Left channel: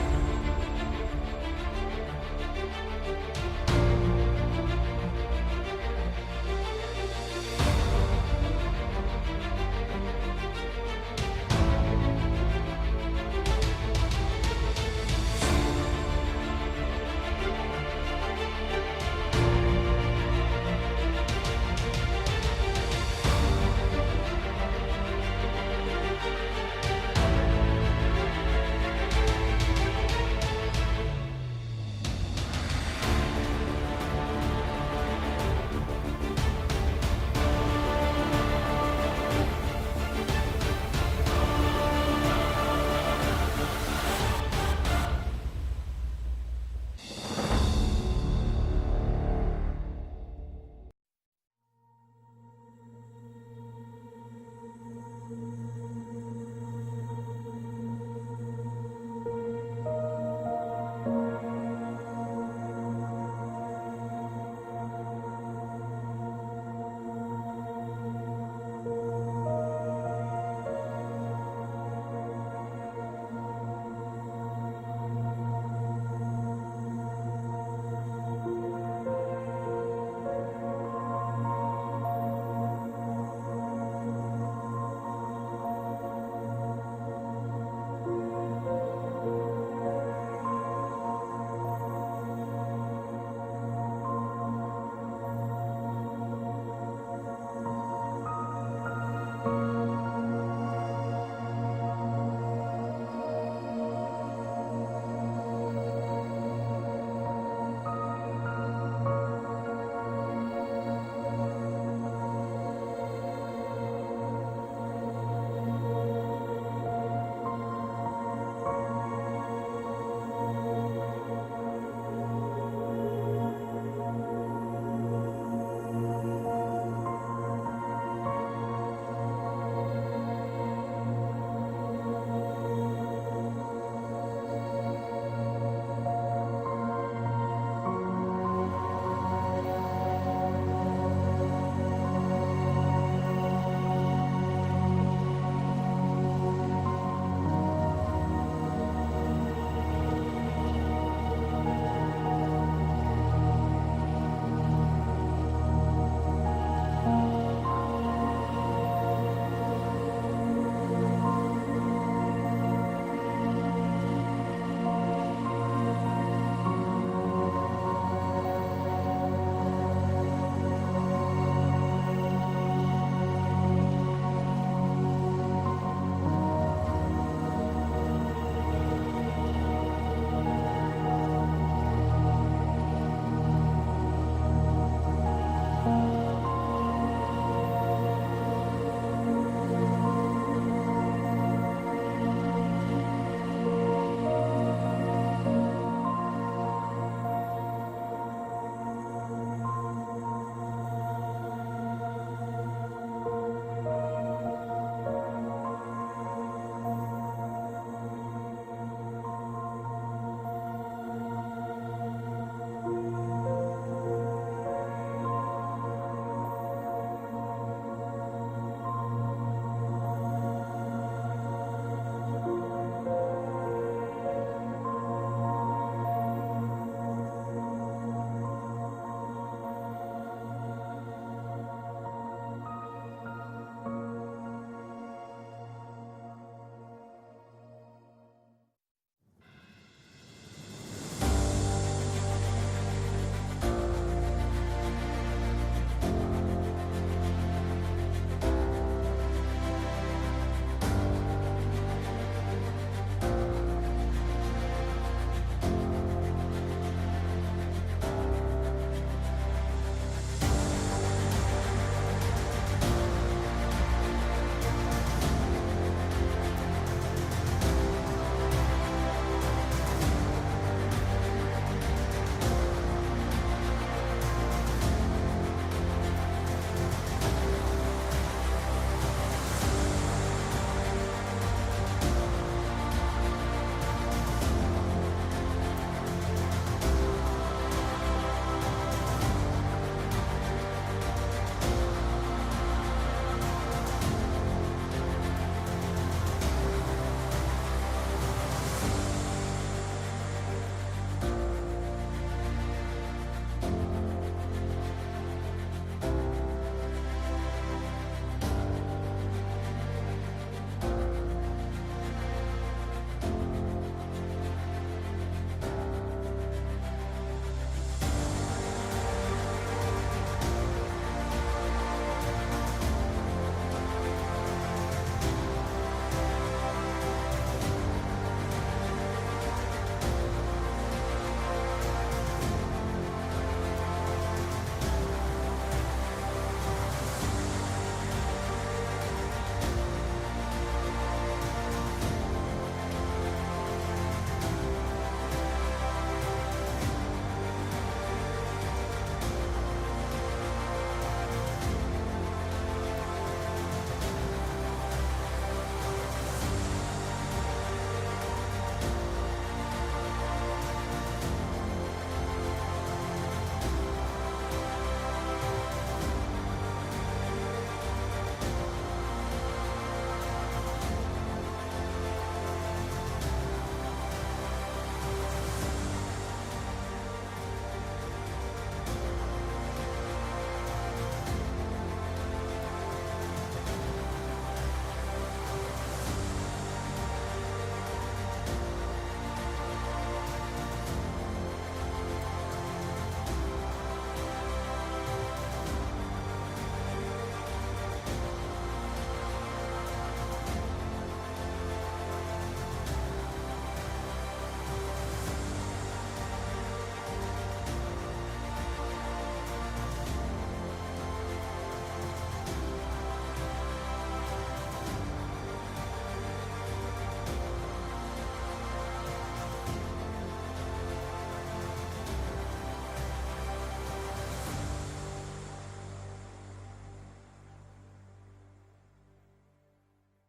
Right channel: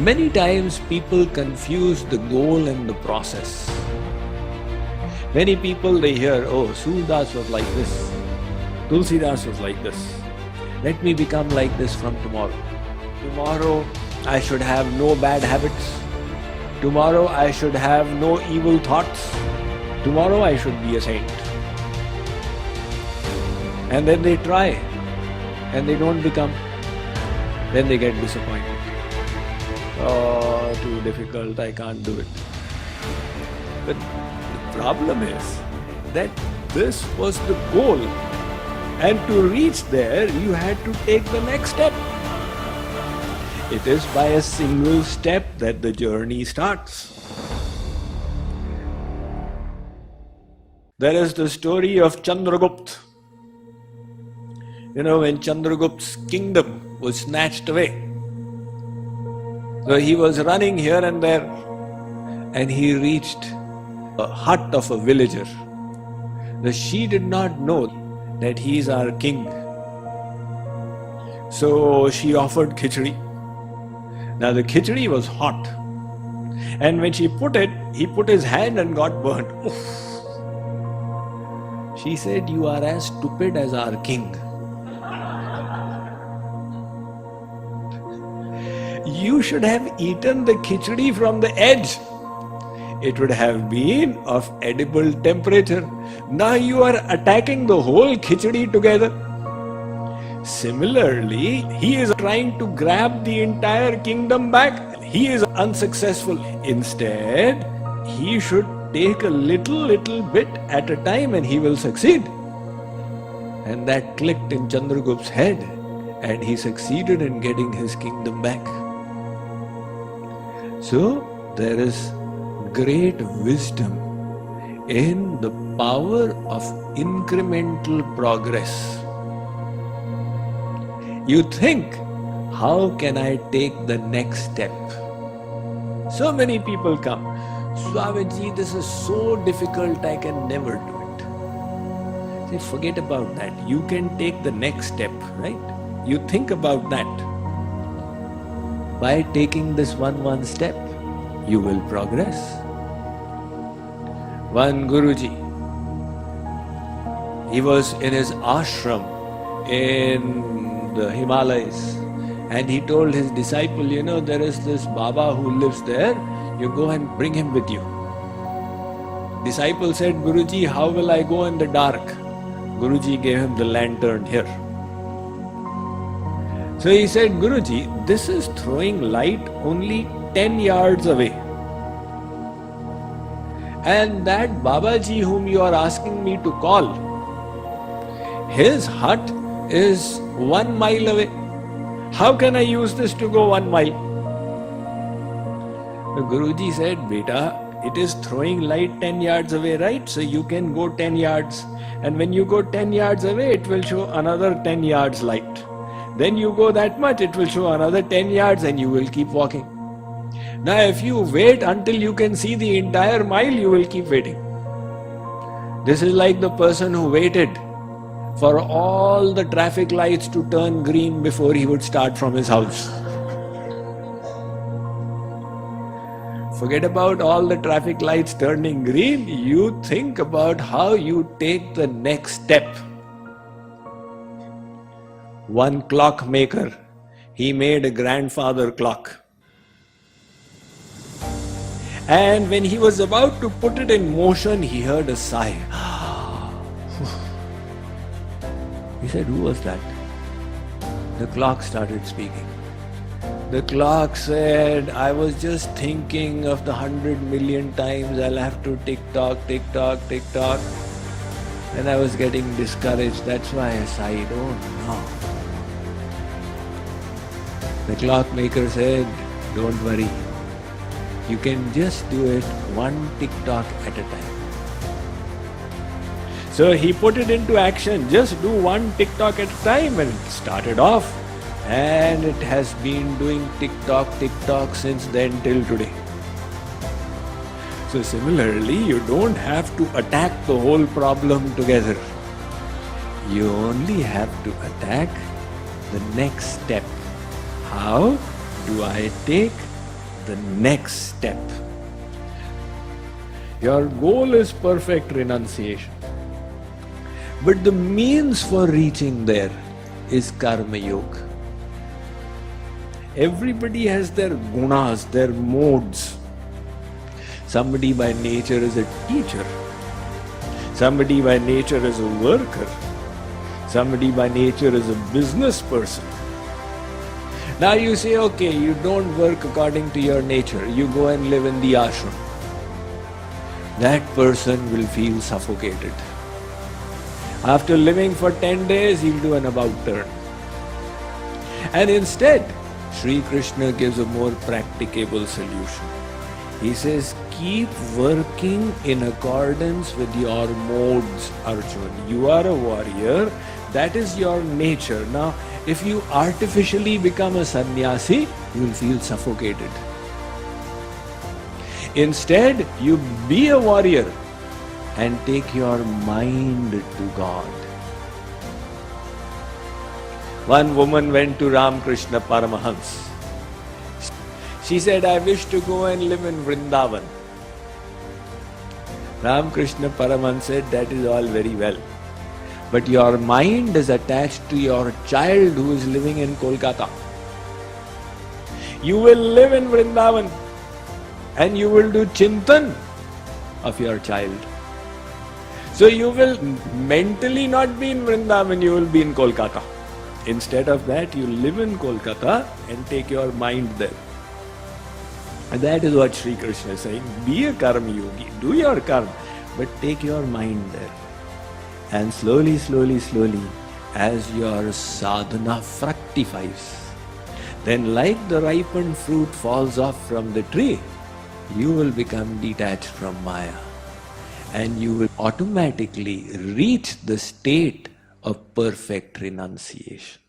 Many times people confuse the goal and the process. Many people, they hear, oh, Surdas was like this, Tulsidas was like this. Let me become like this from tomorrow. Tomorrow I should have no bad habits. Tomorrow I should have no evil thoughts. Tomorrow I should be a saint. And then they try and they don't become. Then they get disappointed. Oh, too difficult, I can't do it. But the problem is that this was the goal. And to reach there, you had to take the next step. It is by a single step that the journey starts. There is the story of Chandragupta. You know, when Chandragupta's kingdom was snatched away, so he was running here and there, and he reached a hut of a villager. She did not know that he is our king. So she offered khichdi. Now the khichdi was hot, and when she put it, he put his hand and got burnt. Oof. She said, "You are as stupid as our king." You should have eaten the khichdi from the edge. It would have been of edible temperature. Now you are attacking the whole khichdi together. Similarly, he is trying to grab the entire kingdom back. He is unsuccessful. Instead, he should take a little bit at a time and he will succeed. And that clicked in Chandragupta's head, and he succeeded in getting his kingdom back. So, there is great wisdom in the power of incremental progress. You think, how can I take the next step? So many people come, Swamiji, this is so difficult, I can never do it. Say, forget about that. You can take the next step, right? You think about that. By taking this one step, you will progress. One Guruji, he was in his ashram in the Himalayas, and he told his disciple, you know, there is this Baba who lives there, you go and bring him with you. Disciple said, Guruji, how will I go in the dark? Guruji gave him the lantern here. So he said, Guruji, this is throwing light only 10 yards away. And that Babaji whom you are asking me to call, his hut is 1 mile away. How can I use this to go 1 mile? The Guruji said, Beta, it is throwing light 10 yards away, right? So you can go 10 yards. And when you go 10 yards away, it will show another 10 yards light. Then you go that much, it will show another 10 yards and you will keep walking. Now if you wait until you can see the entire mile, you will keep waiting. This is like the person who waited for all the traffic lights to turn green before he would start from his house. Forget about all the traffic lights turning green. You think about how you take the next step. One clockmaker, he made a grandfather clock. And when he was about to put it in motion, he heard a sigh. He said, who was that? The clock started speaking. The clock said, I was just thinking of the 100 million times I'll have to tick-tock, tick-tock, tick-tock. And I was getting discouraged. That's why I sighed. Oh no. The clockmaker said, don't worry. You can just do it 1 tick-tock at a time. So he put it into action. Just do 1 tick-tock at a time and started off. And it has been doing tick-tock, tick-tock since then till today. So similarly, you don't have to attack the whole problem together. You only have to attack the next step. How do I take the next step. Your goal is perfect renunciation. But the means for reaching there is Karma Yoga. Everybody has their gunas, their modes. Somebody by nature is a teacher. Somebody by nature is a worker. Somebody by nature is a business person. Now you say, okay, you don't work according to your nature. You go and live in the ashram. That person will feel suffocated. After living for 10 days, he'll do an about turn. And instead, Sri Krishna gives a more practicable solution. He says, keep working in accordance with your modes, Arjun. You are a warrior, that is your nature. Now, if you artificially become a sannyasi, you will feel suffocated. Instead, you be a warrior and take your mind to God. One woman went to Ramakrishna Paramahans. She said, I wish to go and live in Vrindavan. Ramakrishna Paramahans said, that is all very well. But your mind is attached to your child who is living in Kolkata. You will live in Vrindavan and you will do chintan of your child. So you will mentally not be in Vrindavan, you will be in Kolkata. Instead of that, you live in Kolkata and take your mind there. And that is what Sri Krishna is saying. Be a karma yogi, do your karma, but take your mind there. And slowly, slowly, slowly, as your sadhana fructifies, then like the ripened fruit falls off from the tree, you will become detached from Maya. And you will automatically reach the state of perfect renunciation.